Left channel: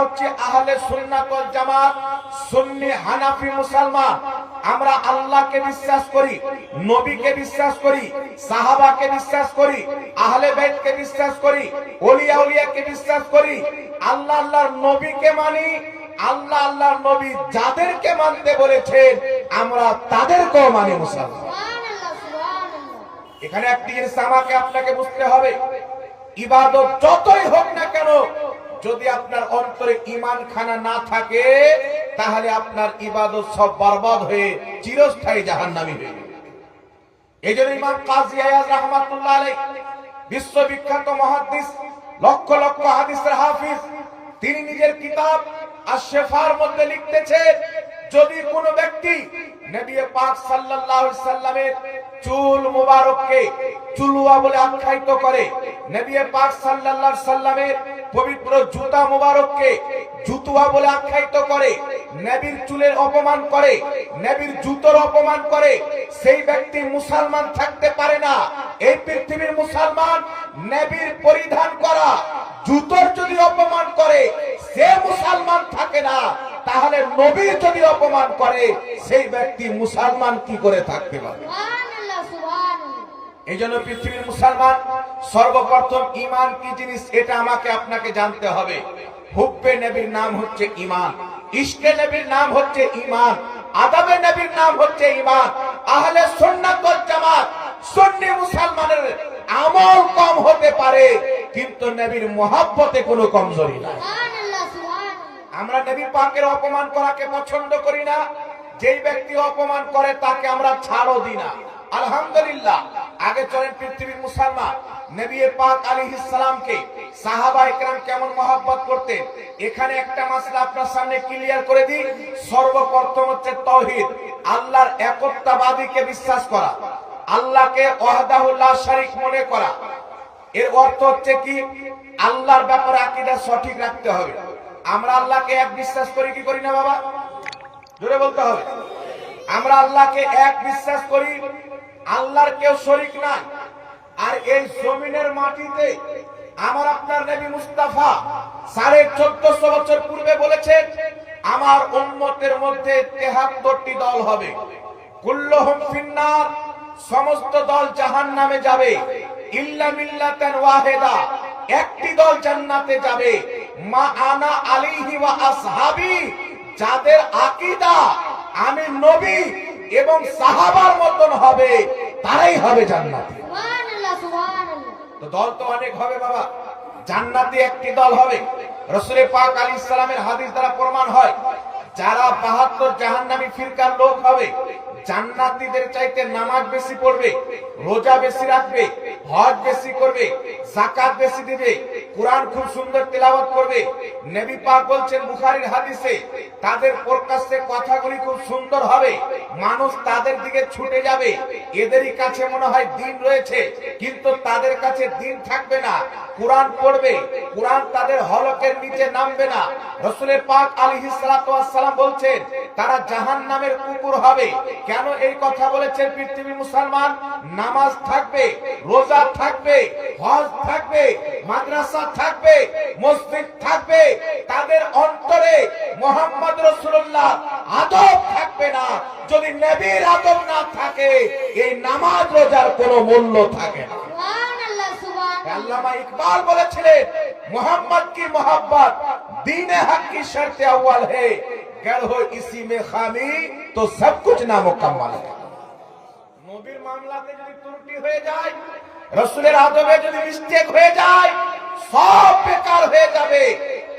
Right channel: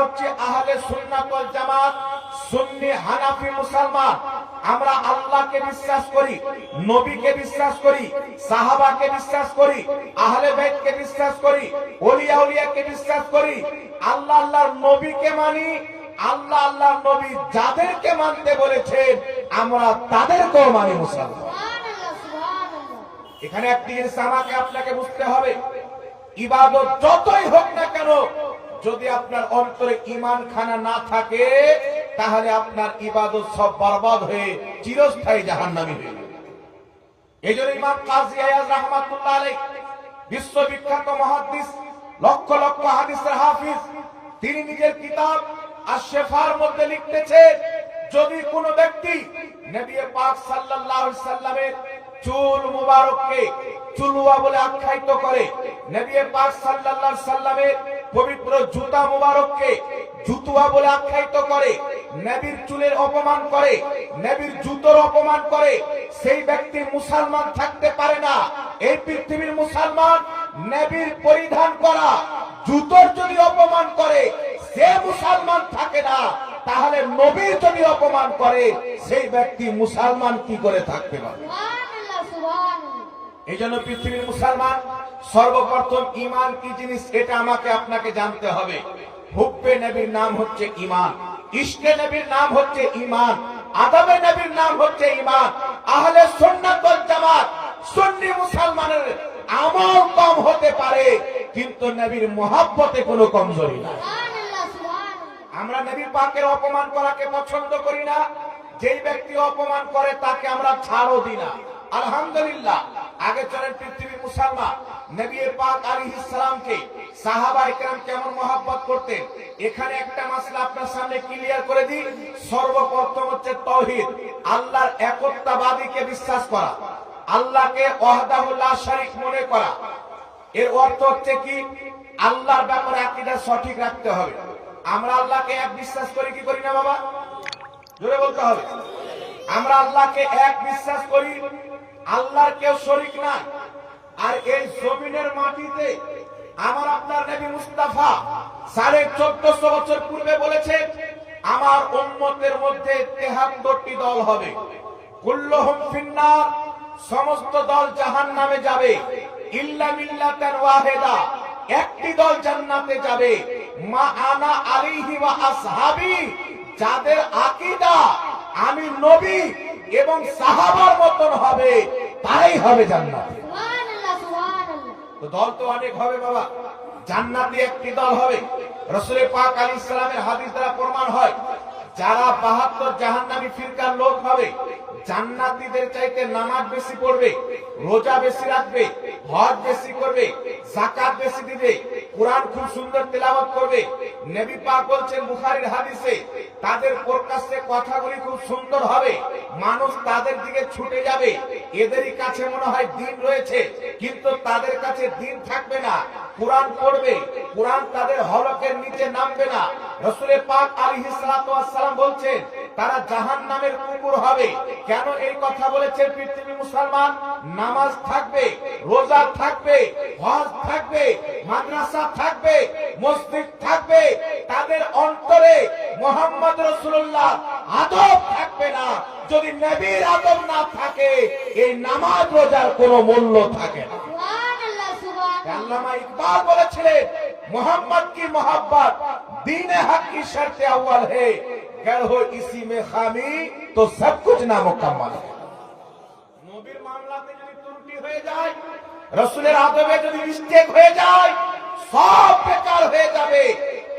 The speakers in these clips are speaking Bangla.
হচ্ছে আহলে সুন্নাত ওয়াল জামাত, সুন্নি হানাফি মুসলমান। আমরা আল্লাহকে বিশ্বাস করি, নবীকে বিশ্বাস করি, সাহাবাকে বিশ্বাস করি, আহলে বাইতকে বিশ্বাস করি, ওলিয়া উলিয়াকে বিশ্বাস করি। আল্লাহ আল্লাহর নবীকে মানি। আল্লাহ আল্লাহর নবী যাদেরকে মানতে বলেছেন আমরা তাদেরকেও মানি মুসলমান। এখানে একটি জিনিস আমাকে আপনাকে বুঝতে হবে, ইবাদত যতই হোক না কেন, যদি আপনার অন্তরে ঈমান খানা না থাকে তাহলে আপনার ইবাদত সব বরবাদ হয়ে চিরস্থায়ী জাহান্নামী হয়ে যাবে। এইজন্য ইমাম কাজী আয়াজ রাহমাতুল্লাহ আলাইহি, বিশ্ববিখ্যাত মুহাদ্দিস, লক্ষ লক্ষ হাদিসের হাফিজ, তিনি নিজের কিতাব আশ-শিফার মধ্যে লিখতেছেন, যদি কোন ব্যক্তি নবী পাক সাল্লাল্লাহু আলাইহি সাল্লামের চুল মুবারককে চুলওয়া বলে আখ্যায়িত করে, নবী পাক সাল্লাল্লাহু আলাইহি সাল্লামের পবিত্র জুতা মুবারককে জুতুয়া বলে আখ্যায়িত করে, নবীর চুলের অপমান করে, নবীর জুতোর অপমান করে, সেই ব্যক্তি মুসলমান থাকতে পারে না। এই পৃথিবীর মুসলমান নবীর পরিধান করা জুতোর যদি অপমান করে সে মুসলমান থাকে না, তাহলে নবীর যদি অপমান করে সেই ব্যক্তি মুসলমান কি করে থাকতে পারে? এই জন্য পৃথিবীর মুসলমান সর্বপ্রথম ঈমান কি জিনিস এটা আমাকে আপনাকে জানতে হবে। হুব্বে নবীর নাম হচ্ছে ঈমান, ইশকে নবীর নাম হচ্ছে ঈমান, আদবে নবীর নাম হচ্ছে ঈমান। আহলে সুন্নাত ওয়াল জামাত সুন্নি মুসলমানের আমল কম হতে পারে কিন্তু নবীর মুহাব্বতে কোনো কমজোরি নাই। আমরা নবী পাকের অপমান করাকে পছন্দ করি না, যেই ব্যক্তি অপমান করে তাকে আমরা ছাড়ও দিই না। আলহামদুলিল্লাহ, আগে চলেন পৃথিবীর মুসলমান নবী পাক আলাইহিস সালামকে সাহাবায়ে কেরাম কেমন মহব্বত করতেন। এখানে একটা মাসলা আপনার সামনে ক্লিয়ার করে দিই। সর্বপ্রথম হচ্ছে তাওহীদ, আল্লাহর একত্ববাদীকে বিশ্বাস করা, আল্লাহকে ওয়াহদাহু লা শারীক মনে করা। এর অর্থ হচ্ছে কি, আল্লাহর ব্যাপারে আকীদা সঠিক রাখতে হবে। আমরা আল্লাহকে এক বিশ্বাস করি কি করি না বাবা? জোরে বলতে হবে। আমরা আল্লাহকে এক বিশ্বাস করি, আল্লাহর কেউ শরীক নাই। আর এই জমিনের মাটিতে আমার আপনার নবী মুস্তাফা 1450 বছর পূর্বে বলেছেন, আমার উম্মতের মধ্যে 73টি দল হবে, কুল্লুহুম ফিন্নার, সমস্ত দল জাহান্নামে যাবে, ইল্লা মিল্লাতান ওয়াহিদা, একটি দল জান্নাতে যাবে, মা আনা আলাইহি ওয়া আসহাবি, যাদের আকীদা আমি নবী এবং সাহাবার মতন হবে তারাই হবে জান্নাতে। তো দল তো অনেক হবে বাবা, জান্নাতে একটি দল হবে। রাসূল পাক আলাইহিস সালামের হাদিস দ্বারা প্রমাণ হয়, যারা 72 জাহান্নামী ফিরকার লোক হবে, জান্নাতীদের চাইতে নামাজ বেশি পড়বে, রোজা বেশি রাখবে, হজ বেশি করবে, যাকাত বেশি দিবে, কুরআন খুব সুন্দর তেলাওয়াত করবে। নবী পাক বলছেন বুখারীর হাদিসে, তাদের প্রকাশ্যে কথাগুলি খুব সুন্দর হবে, মানুষ তাদের দিকে ছুটে যাবে। এদেরই কাছে মনে হয় দিন রয়েছে কিন্তু তাদের কাছে দিন থাকবে না। কুরআন পড়বে, কুরআন তাদের হলকের নিচে নামবে না। রাসূল পাক আলাইহিস সালাতু ওয়াস সালাম বলছেন তারা জাহান্নামের কুকুর হবে। কেন এই কথা বলেছেন? পৃথিবীর মুসলমান নামাজ থাকবে, রোজা থাকবে, হজ থাকবে, মাদ্রাসা থাকবে, মসজিদ থাকবে, তাদের অন্তরে মুহাম্মদ রাসূলুল্লাহ আদব থাকবে না। যদি নবীর আদব না থাকে এই নামাজ রোজার কোনো মূল্য থাকে না। আল্লামা ইকবাল বলেছিলেন, मोहम्मद की मोहब्बत दीन हक की शर्त अव्वल है, गर हो इसी में खामी तो सब कुछ नामुकम्मल है। নবীর মামলাতে যদি ত্রুটি হয়ে যায়, রাসূলের আদবে যদি মিস্টেক হয়ে যায়, সব বেকার হয়ে যাবে।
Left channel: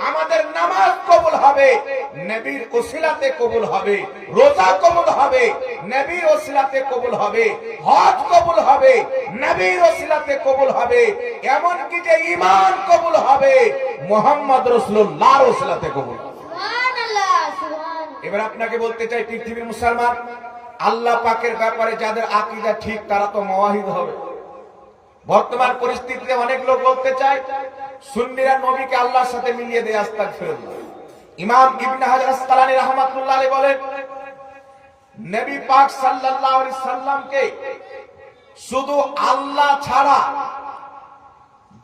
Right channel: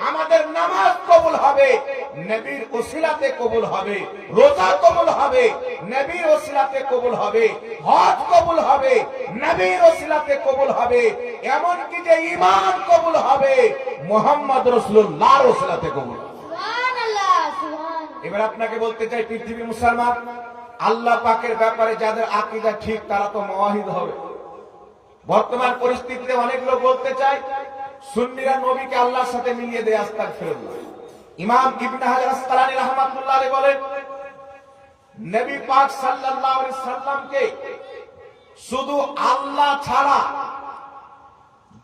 আমাদের নামাজ কবুল হবে, নবীর ওসিলাতে কবুল হবে, রোজা কবুল হবে, নবীর ওসিলাতে কবুল হবে, হজ কবুল হবে, নবীর ওসিলাতে কবুল হবে, এমন কি যে ঈমান কবুল হবে মুহাম্মদ রাসূলুল্লাহর ওসিলাতে কবুল হবে। সুবহানাল্লাহ, সুবহানাল্লাহ। এবার আপনাকে বলতে চাই, পৃথিবীর মুসলমান আল্লাহ পাকের ব্যাপারে যাদের আকীদা ঠিক তারা তো মুওয়াহিদ হবে। বর্তমান পরিস্থিতিতে অনেক লোক বলতে চায় সুন্নিরা নবীকে আল্লাহর সাথে মিলিয়ে দেয়, আস্তাগফিরুল্লাহ। ইমাম ইবনে হাজার আসকালানী রাহমাতুল্লাহ আলাইহি বলেন, নবী পাক সাল্লাল্লাহু আলাইহি সাল্লামকে শুধু আল্লাহ ছাড়া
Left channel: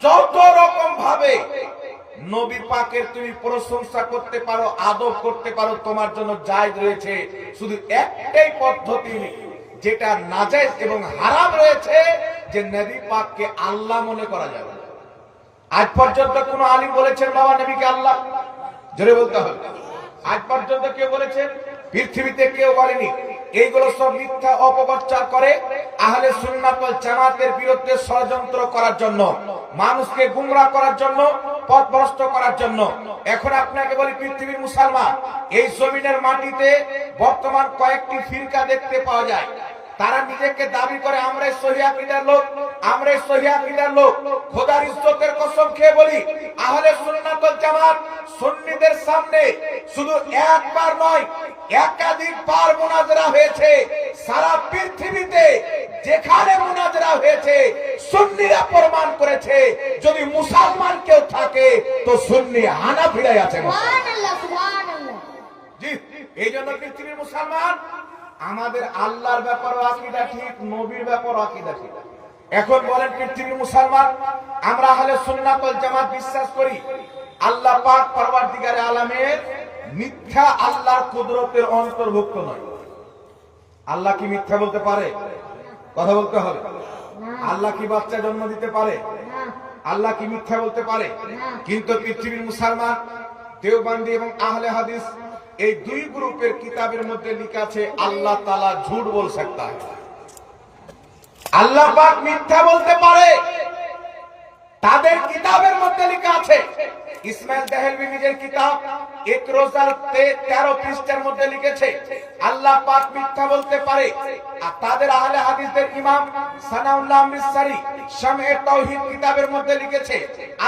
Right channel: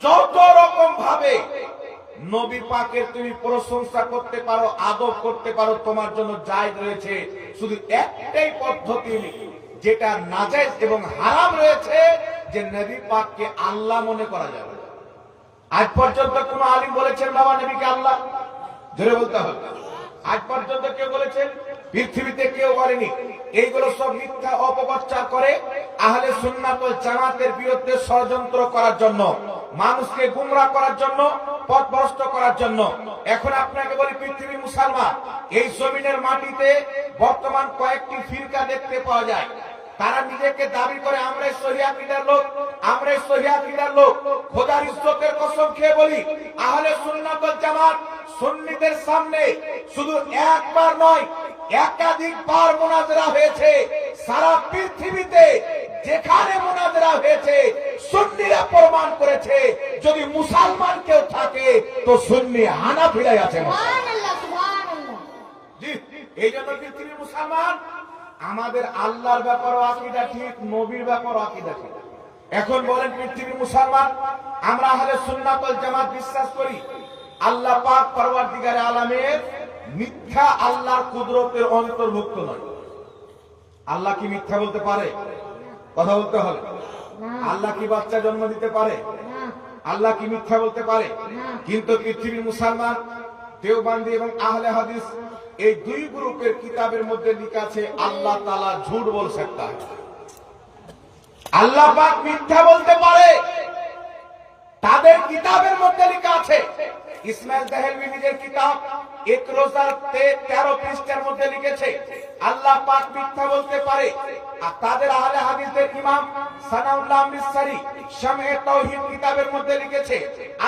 যত রকম ভাবে নবী পাকের তুমি প্রশংসা করতে পারো, আদব করতে পারো, তোমার জন্য জায়েজ রয়েছে। শুধু একটাই পদ্ধতি যেটা নাজায়েজ এবং হারাম রয়েছে, যে নবী পাককে আল্লাহ মনে করা যাবে। আজ পর্যন্ত কোন আলিম বলেছেন বাবা নবীকে আল্লাহ? জোরে বলতে হবে। আজ পর্যন্ত কেউ বলেছেন? পৃথিবীতে কেউ বলেনি। এইগুলো সব মিথ্যা অপপ্রচার করে আহলে সুন্নাত ওয়াল জামাতের বিরুদ্ধে ষড়যন্ত্র করার জন্য, মানুষকে গুমরাহ করার জন্য, পথভ্রষ্ট করার জন্য। এখন আপনাকে বলি, পৃথিবীর মুসলমান এই জমিনের মাটিতে বর্তমান কয়েকটি ফিরকা দেখতে পাওয়া যায়। তারা নিজেকে দাবি করে আমরাই সহিহ আকীদার লোক, আমরাই সহিহ আকীদার লোক। খোদার ইজ্জতের কসম খেয়ে বলি, আহলে সুন্নাত ওয়াল জামাত সুন্নিদের সামনে শুধু একবার নয়, একাধিকবার মুনাজারা হয়েছে। সারা পৃথিবীতে যেখানে মুনাজারা হয়েছে সুন্নিরা প্রমাণ করেছে, যদি মুসলমান কেউ থাকে তো সুন্নি হানাফিরাই আছে। জি, এই জন্য পৃথিবীর মুসলমান আমাদের আল্লাহর ব্যাপারও আকীদা ঠিক, নবীর ব্যাপারও আকীদা ঠিক। এখন বলেন পৃথিবীর মুসলমান, আমরা আহলে সুন্নাত ওয়াল জামাত বিশ্বাস করি আল্লাহ পাক পরওয়ারদিগারে আলামের মিথ্যা আল্লাহর কুদরতের অন্তর্ভুক্ত নয়। আল্লাহ কি মিথ্যা বলতে পারে? কথা বলতে হবে। আল্লাহ কি বাচ্চা জন্ম দিতে পারে? আল্লাহ কি মিথ্যা বলতে পারে? কিন্তু পৃথিবীর মুসলমান দেওবন্দি এবং আহলে হাদিস এই দুই গ্রুপের কিতাবের মধ্যে লেখা আছে আল্লাহ তাআলা ঝুট বল सकता है। আল্লাহ পাক মিথ্যা বলতে পারে, তাদের কিতাবের মধ্যে লেখা আছে। ইসমাইল দেহলভী নিজের কিতাব এক রোজার 13 পৃষ্ঠার মধ্যে লিখেছে আল্লাহ পাক মিথ্যা বলতে পারে। আর তাদের আহলে হাদিসের ইমাম সানাউল্লাহ মিসরি শামে তাওহীদ কিতাবের মধ্যে লিখেছে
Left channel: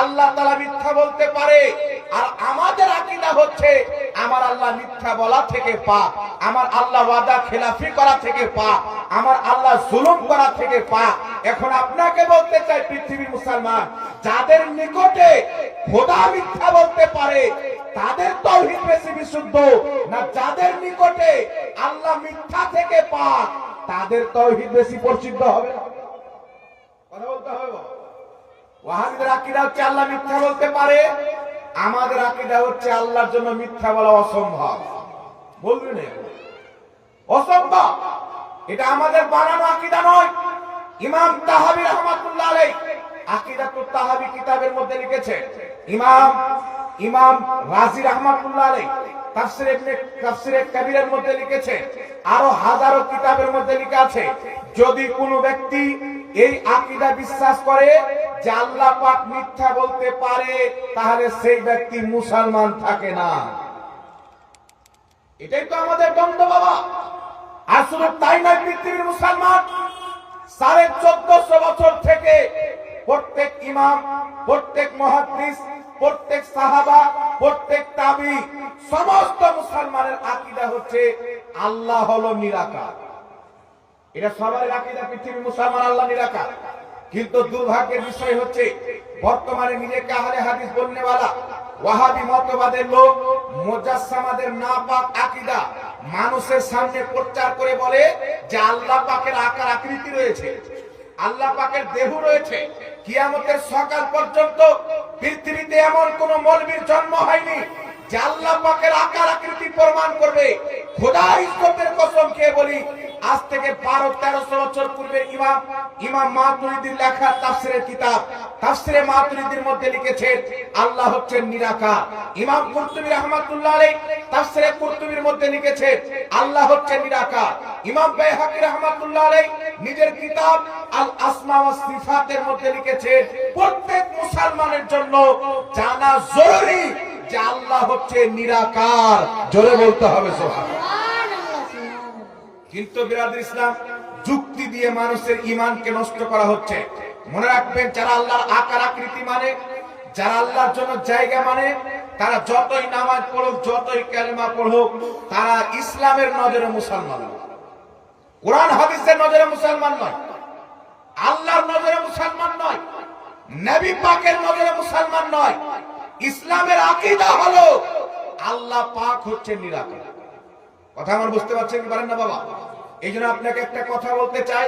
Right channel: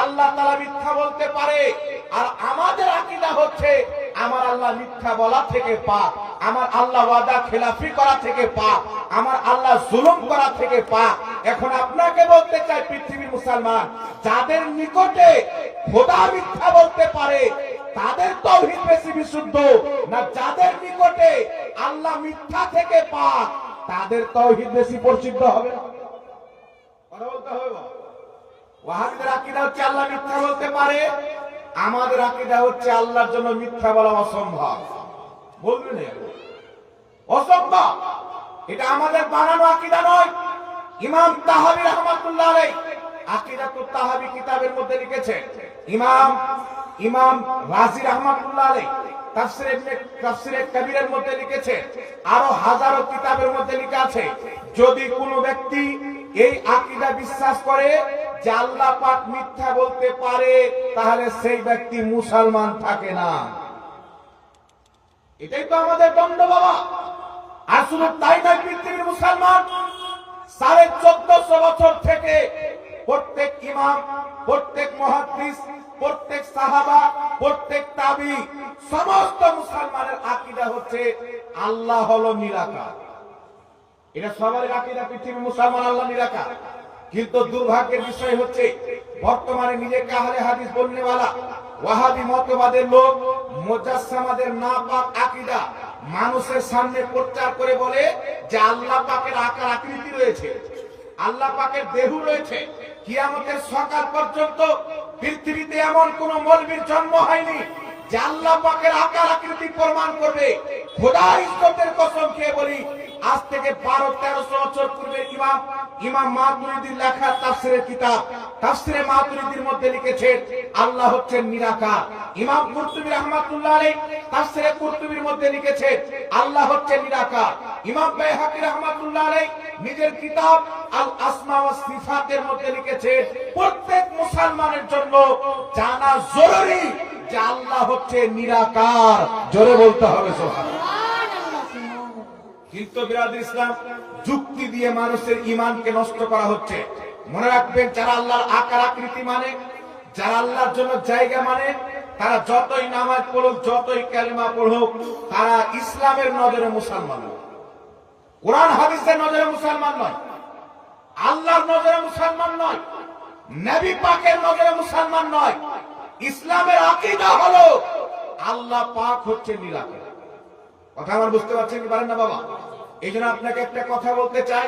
আল্লাহ তাআলা মিথ্যা বলতে পারে। আর আমাদের আকীদা হচ্ছে আমার আল্লাহ মিথ্যা বলা থেকে পাক, আমার আল্লাহ ওয়াদা খেলাফি করা থেকে পাক, আমার আল্লাহ জুলুম করা থেকে পাক। এখন আপনাকে বলতে চাই পৃথিবীর মুসলমান, যাদের নিকটে খোদা মিথ্যা বলতে পারে তাদের তাওহীদ বেশি বিশুদ্ধ, না যাদের নিকটে আল্লাহ মিথ্যা থেকে পাক তাদের তাওহীদ বেশি পরিশুদ্ধ হবে? কথা বলতে হবে। ওয়াহাবীদের আকীদা হচ্ছে আল্লাহ মিথ্যা বলতে পারে, আমাদের আকীদা হচ্ছে আল্লাহর জন্য মিথ্যা বলা অসম্ভব। বলবেন অসম্ভব, এটা আমাদের বানানো আকীদা নয়। ইমাম তাহাবী রাহমাতুল্লাহ আলাইহি আকীদাতুত তাহাবী কিতাবের মধ্যে লিখেছে, ইমাম রাজি রাহমাতুল্লাহ আলাইহি তাফসীরে কবীরের মধ্যে লিখেছে, আরো হাজারো কিতাবের মধ্যে লেখা আছে, যদি কোনো ব্যক্তি এই আকীদা বিশ্বাস করে যে আল্লাহ পাক মিথ্যা বলতে পারে, তাহলে সেই ব্যক্তি মুসলমান থাকে না। এটাই তো আমাদের দ্বন্দ্ব বাবা। আসলে তাই নয়, পৃথিবীর মুসলমান 1450 বছর থেকে প্রত্যেক ইমাম, প্রত্যেক মুহাদ্দিস, প্রত্যেক সাহাবা, প্রত্যেক তাবি, সমস্ত মুসলমানের আকীদা হচ্ছে আল্লাহ হলো নিরাকার। এটা সবার আকীদা, পৃথিবীর মুসলমান আল্লাহ নিরাকার। কিন্তু দুর্ভাগ্যের বিষয় হচ্ছে বর্তমানে নিজেকে আহলে হাদিস বলনেওয়ালা ওয়াহাবি মতবাদের লোক মুজাসসামাদের নাপাক আকীদা মানুষের সামনে প্রচার করে বলে যে আল্লাহ পাকের আকার আকৃতি রয়েছে, আল্লাহ পাকের দেহ রয়েছে। কিয়ামতের সকাল পর্যন্ত পৃথিবীতে এমন কোন মৌলবীর জন্ম হয়নি যে আল্লাহ পাকের আকার আকৃতি প্রমাণ করবে। খোদার ইজ্জতের কসম খেয়ে বলি, আজ থেকে 1200-1300 বছর পূর্বে ইমাম মাতুরিদির লেখা তাফসীরের কিতাব তাফসীরে মাতুরিদির মধ্যে লিখেছেন আল্লাহ হচ্ছেন নিরাকার। ইমাম কুরতুবী রাহমাতুল্লাহ আলাইহি তাফসীরে কুরতুবীর মধ্যে লিখেছেন আল্লাহ হচ্ছেন নিরাকার। ইমাম বাইহাকী রাহমাতুল্লাহ আলাইহি নিজের কিতাব আল আসমা ওয়াস সিফাতের মধ্যে লিখেছেন প্রত্যেক মুসলমানের জন্য জানা জরুরি যে আল্লাহ হচ্ছে নিরাকার। জোরে বলতে হবে সুবহানাল্লাহ। কিন্তু বিরাদর ইসলাম যুক্তি দিয়ে মানুষের ঈমানকে নষ্ট করা হচ্ছে। মনে রাখবেন, যারা আল্লাহর আকার আকৃতি মানে, যারা আল্লাহর জন্য জায়গা মানে, তারা যতই নামাজ পড়ুক, যতই কালেমা পড়ুক, তারা ইসলামের নজরে মুসলমান নয়, কোরআন হাদিসের নজরে মুসলমান নয়, আল্লাহর নজরে মুসলমান নয়, নবী পাকের নজরে মুসলমান নয়। ইসলামের আকীদা হলো আল্লাহ পাক হচ্ছে নিরাকার। কথা আমার বুঝতে পারছেন কি পারেন না বাবা? এই জন্য আপনাকে একটা কথা বলতে চাই,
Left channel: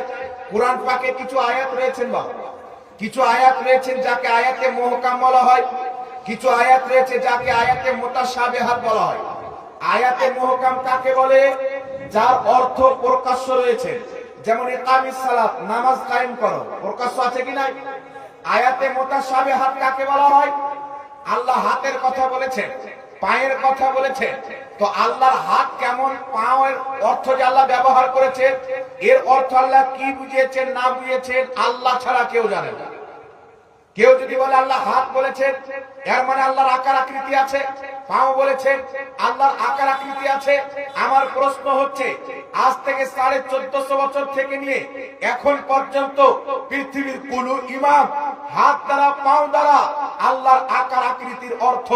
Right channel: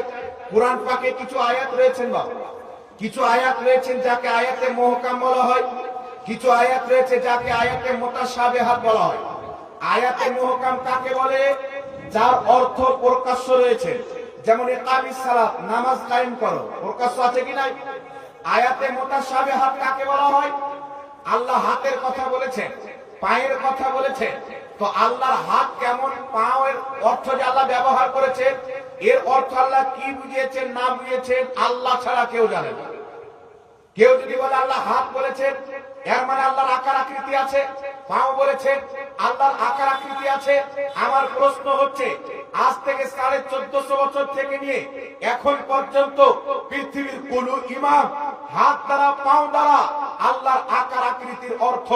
কোরআন পাকে কিছু আয়াত রয়েছেন বাবা, কিছু আয়াত রয়েছেন যাকে আয়াতে মুহকাম বলা হয়, কিছু আয়াত রয়েছে যাকে আয়াতে মুতাশাবিহাত বলা হয়। আয়াতে মুহকাম কাকে বলে? যার অর্থ প্রকাশ্য রয়েছে, যেমন ইকামিস সালাত, নামাজ কায়েম করো, প্রকাশ্য আছে কি নাই? আয়াতে মুতাশাবিহাত কাকে বলা হয়? আল্লাহ হাতের কথা বলেছেন, পায়ের কথা বলেছেন, তো আল্লাহর হাত কেমন, পায়ের অর্থ যে আল্লাহ ব্যবহার করেছেন, এর অর্থ আল্লাহ কি বুঝিয়েছেন না বুঝিয়েছেন আল্লাহ ছাড়া কেউ জানে না। কেউ যদি বলে আল্লাহ হাত বলেছেন, এর মানে আল্লাহর আকার আকৃতি আছে। পাও বলেছেন, আল্লাহর আকার আকৃতি আছে। আমার প্রশ্ন হচ্ছে, আজ থেকে 1450 বছর থেকে নিয়ে এখন পর্যন্ত পৃথিবীর কোন ইমাম হাত দ্বারা পাও দ্বারা আল্লাহর আকার আকৃতির অর্থ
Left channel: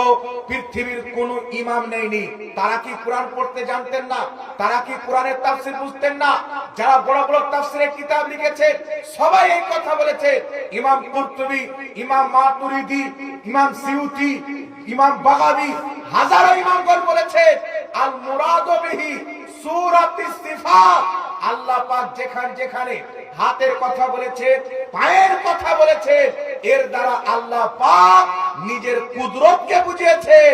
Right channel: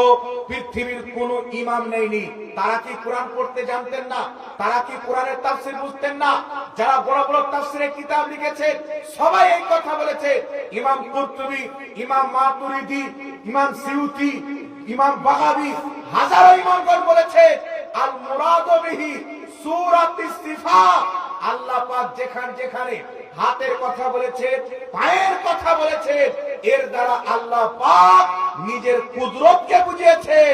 পৃথিবীর কোন ইমাম নেয়নি। তারা কি কোরআন পড়তে জানতেন না? তারা কি কোরআনের তাফসীর বুঝতেন না? যারা বড় বড় তাফসীরের কিতাব লিখেছে সবাই এই কথা বলেছে। ইমাম কুরতুবী, ইমাম মাতুরিদি, ইমাম সিউতি, ইমাম বাগাবী, হাজারো ইমামগণ বলেছে আল মুরাদু বিহি সূরাতুস সিফাত। আল্লাহ পাক যেখানে যেখানে হাতের কথা বলেছে, পায়ের কথা বলেছে, এর দ্বারা আল্লাহ পাক নিজের কুদরতকে বুঝিয়েছেন,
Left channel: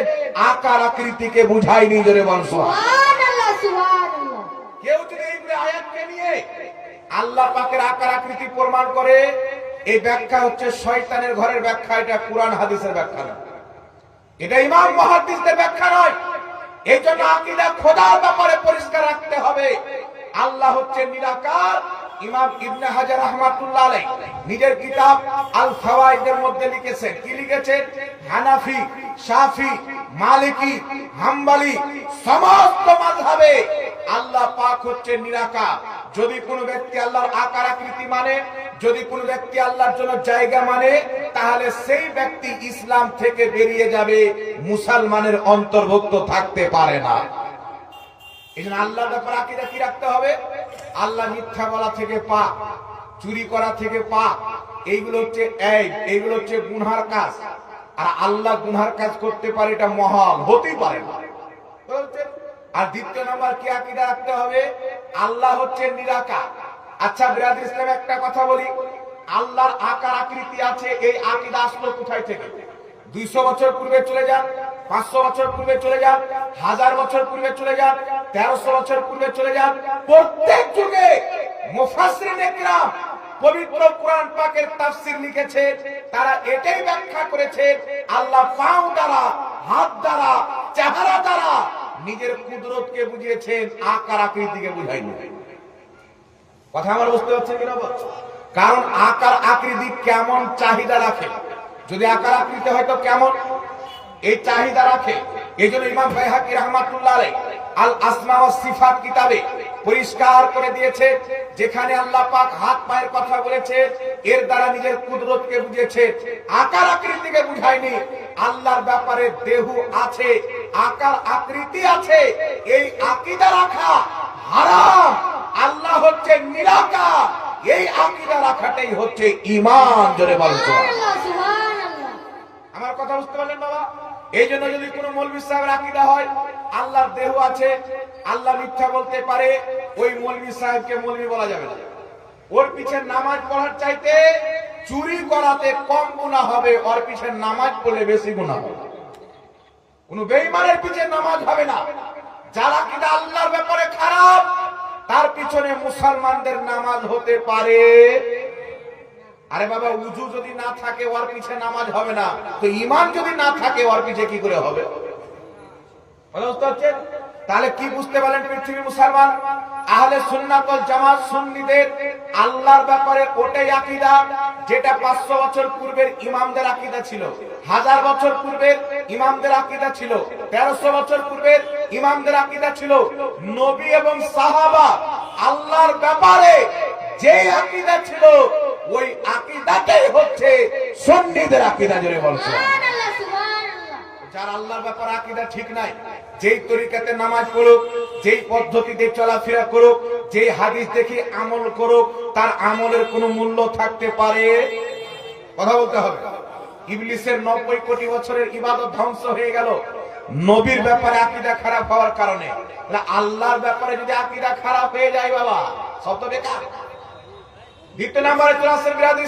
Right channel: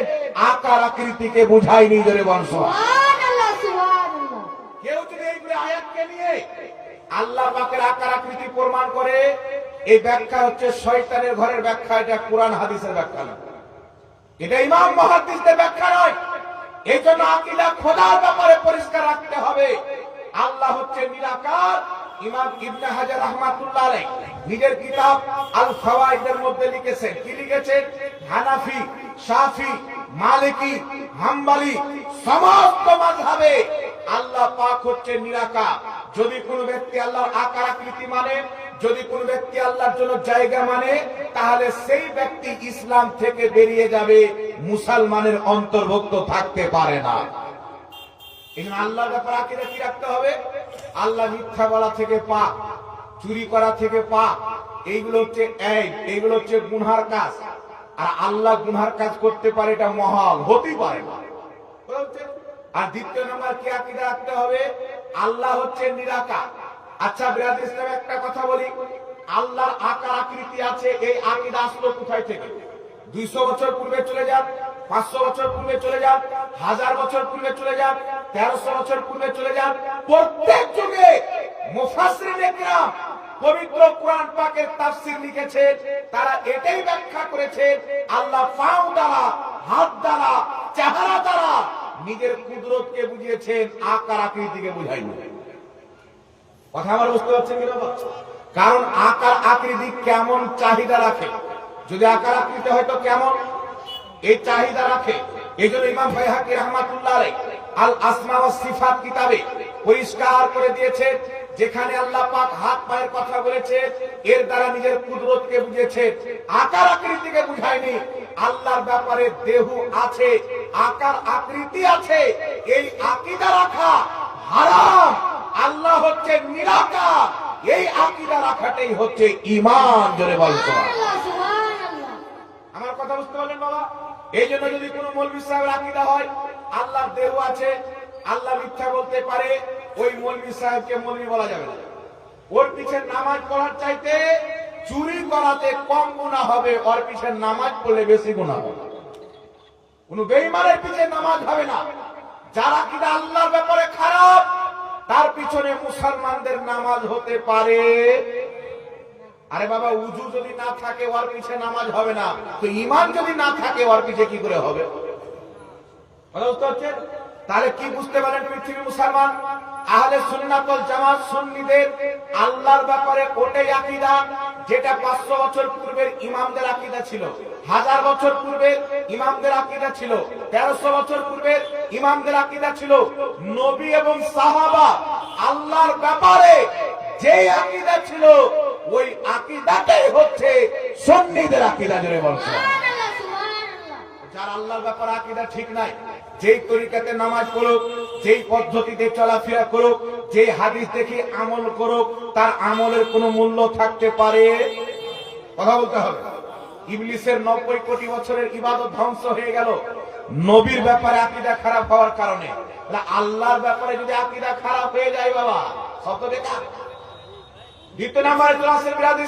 আকার আকৃতিকে বুঝায়নি। জোরে বল সুবহানাল্লাহ, সুবহানাল্লাহ। কেউ যদি এই আয়াতকে নিয়ে আল্লাহ পাকের আকার আকৃতি প্রমাণ করে, এই ব্যাখ্যা হচ্ছে শয়তানের ঘরের ব্যাখ্যা, এটা কোরআন হাদিসের ব্যাখ্যা নয়, এটা ইমাম মুহাদ্দিসদের ব্যাখ্যা নয়। এই জন্য আকীদা খোদার ব্যাপারে পরিষ্কার রাখতে হবে। আল্লাহ হচ্ছে নিরাকার। ইমাম ইবনে হাজার রাহমাতুল্লাহ আলাইহি নিজের কিতাব আল ফাওয়াইদের মধ্যে লিখেছেন, কি লিখেছেন? হানাফি, শাফি, মালিকি, হাম্বলি সমস্ত মাযহাবে আল্লাহ পাক হচ্ছে নিরাকার। যদি কোনো ব্যক্তি আল্লাহর আকার আকৃতি মানে, যদি কোনো ব্যক্তি আল্লাহর জন্য জায়গা মানে, তাহলে সেই ব্যক্তি ইসলাম থেকে বেরিয়ে যাবে, মুসলমানের অন্তর্ভুক্ত থাকতে পারে না। এই জন্য আল্লাহর ব্যাপারে আকীদা কি রাখতে হবে? আল্লাহ মিথ্যা বলা থেকে পাক, চুরি করা থেকে পাক, এইগুলো হচ্ছে এইগুলো হচ্ছে গুনহার কাজ। আর আল্লাহ গুনহার কাজ করতে পারে, এটা মহাল, হতেই পারে না। আর দ্বিতীয় নাম্বার কি আকীদা রাখতে হবে? আল্লাহ হচ্ছে নিরাকার। আচ্ছা বিরাদর ইসলাম, একটা কথা বলি, আল্লাহর আকার আকৃতি আছে, এই আকীদা আসলো কোথায় থেকে? 200 বছর পূর্বে চলে যান, 500 বছর পূর্বে চলে যান, 1000 বছর পূর্বে চলে যান, 1300 বছর পূর্বে চলে যান। প্রত্যেক যুগে মুফাসসিরিনে কিরাম পবিত্র কোরআন পাকের তাফসীর লিখেছে, তারা এটাই ব্যাখ্যা করেছে আল্লাহ পাও দ্বারা, হাত দ্বারা, চেহারা দ্বারা নিজের কুদরতকে বুঝিয়েছেন, আকার আকৃতিকে বুঝায়নি। কথা আমার বুঝতে পারছেন কিনা? কারণ আকার আকৃতি কেমন চাহিদা রাখে, যদি আকার আকৃতি হয়তো কেমন এই চাহিদা রাখে। এই জন্য ইমাম বাইহাকী রাহমাতুল্লাহ আলাইহি আল আসমা ওয়াস সিফাত কিতাবে পরিষ্কার করে দিয়েছে, যেখানে আল্লাহ পাক হাত পায়ের কথা বলেছে, এর দ্বারা নিজের কুদরতকে বুঝিয়েছে, আকার আকৃতিকে বুঝায়নি। আল্লাহর ব্যাপারে দেহ আছে, আকার আকৃতি আছে, এই আকীদা রাখা হারাম। আল্লাহ হচ্ছে নিরাকার, এই আকীদা রাখাটাই হচ্ছে ঈমান। জোরে বলেন সুবহানাল্লাহ। আমার কথা বুঝতে পারলেন বাবা? এই জন্য যদি কোনো মৌলভী সাহেবের আকীদা হয় আল্লাহর দেহ আছে, আল্লাহ মিথ্যা বলতে পারে, ওই মৌলভী সাহেবকে মৌলভী বলা যাবে না। ওর পিছে নামাজ পড়ার চাইতে চুরি করাতে কম গুনাহ হবে, ওর পিছে নামাজ পড়লে বেশি গুনাহ হবে। কোন বেঈমানের পিছে নামাজ হবে না। যার আকীদা আল্লাহর ব্যাপারে খারাপ, তার পিছনে মুসলমানদের নামাজ হতে পারে। আরে বাবা, উজু যদি না থাকে ওর পিছে নামাজ হবে না, তো ঈমান যদি না থাকে ওর পিছে কি করে হবে? তাহলে কি বুঝতে পারলেন পৃথিবীর মুসলমান? আহলে সুন্নাত ওয়াল জামাত সুন্নিদের আল্লাহর ব্যাপারে ওটাই আকীদা যেটা 500 বছর পূর্বের ইমামদের আকীদা ছিল, 1000 বছর পূর্বের ইমামদের আকীদা ছিল, 1300 বছর পূর্বের ইমামদের আকীদা ছিল। নবী এবং সাহাবা আল্লাহর ব্যাপারে যে আকীদা ছিল, ওই আকীদাটাই হচ্ছে সুন্নিদের আকীদা। জোরে বলছে যার আল্লাহর ব্যাপারে আকীদা ঠিক নাই, যেই তরিকাতে নামাজ পড়ুক, যেই পদ্ধতিতে চলাফেরা করুক, যেই হাদিস দেখে আমল করুক, তার আমলের কোনো মূল্য থাকতে পারে? কথা বলতে হবে। ইবলিসের 90 কোটি বছরের ইবাদত ধ্বংস হয়ে গেল নবীর ব্যাপারে আকীদা খারাপ হওয়ার কারণে। আল্লাহর ব্যাপারে যদি আকীদা খারাপ হয়ে যায় বাবা, সব তো বেকার। দ্বিতীয় নম্বরে চলে আসেন বিরাদর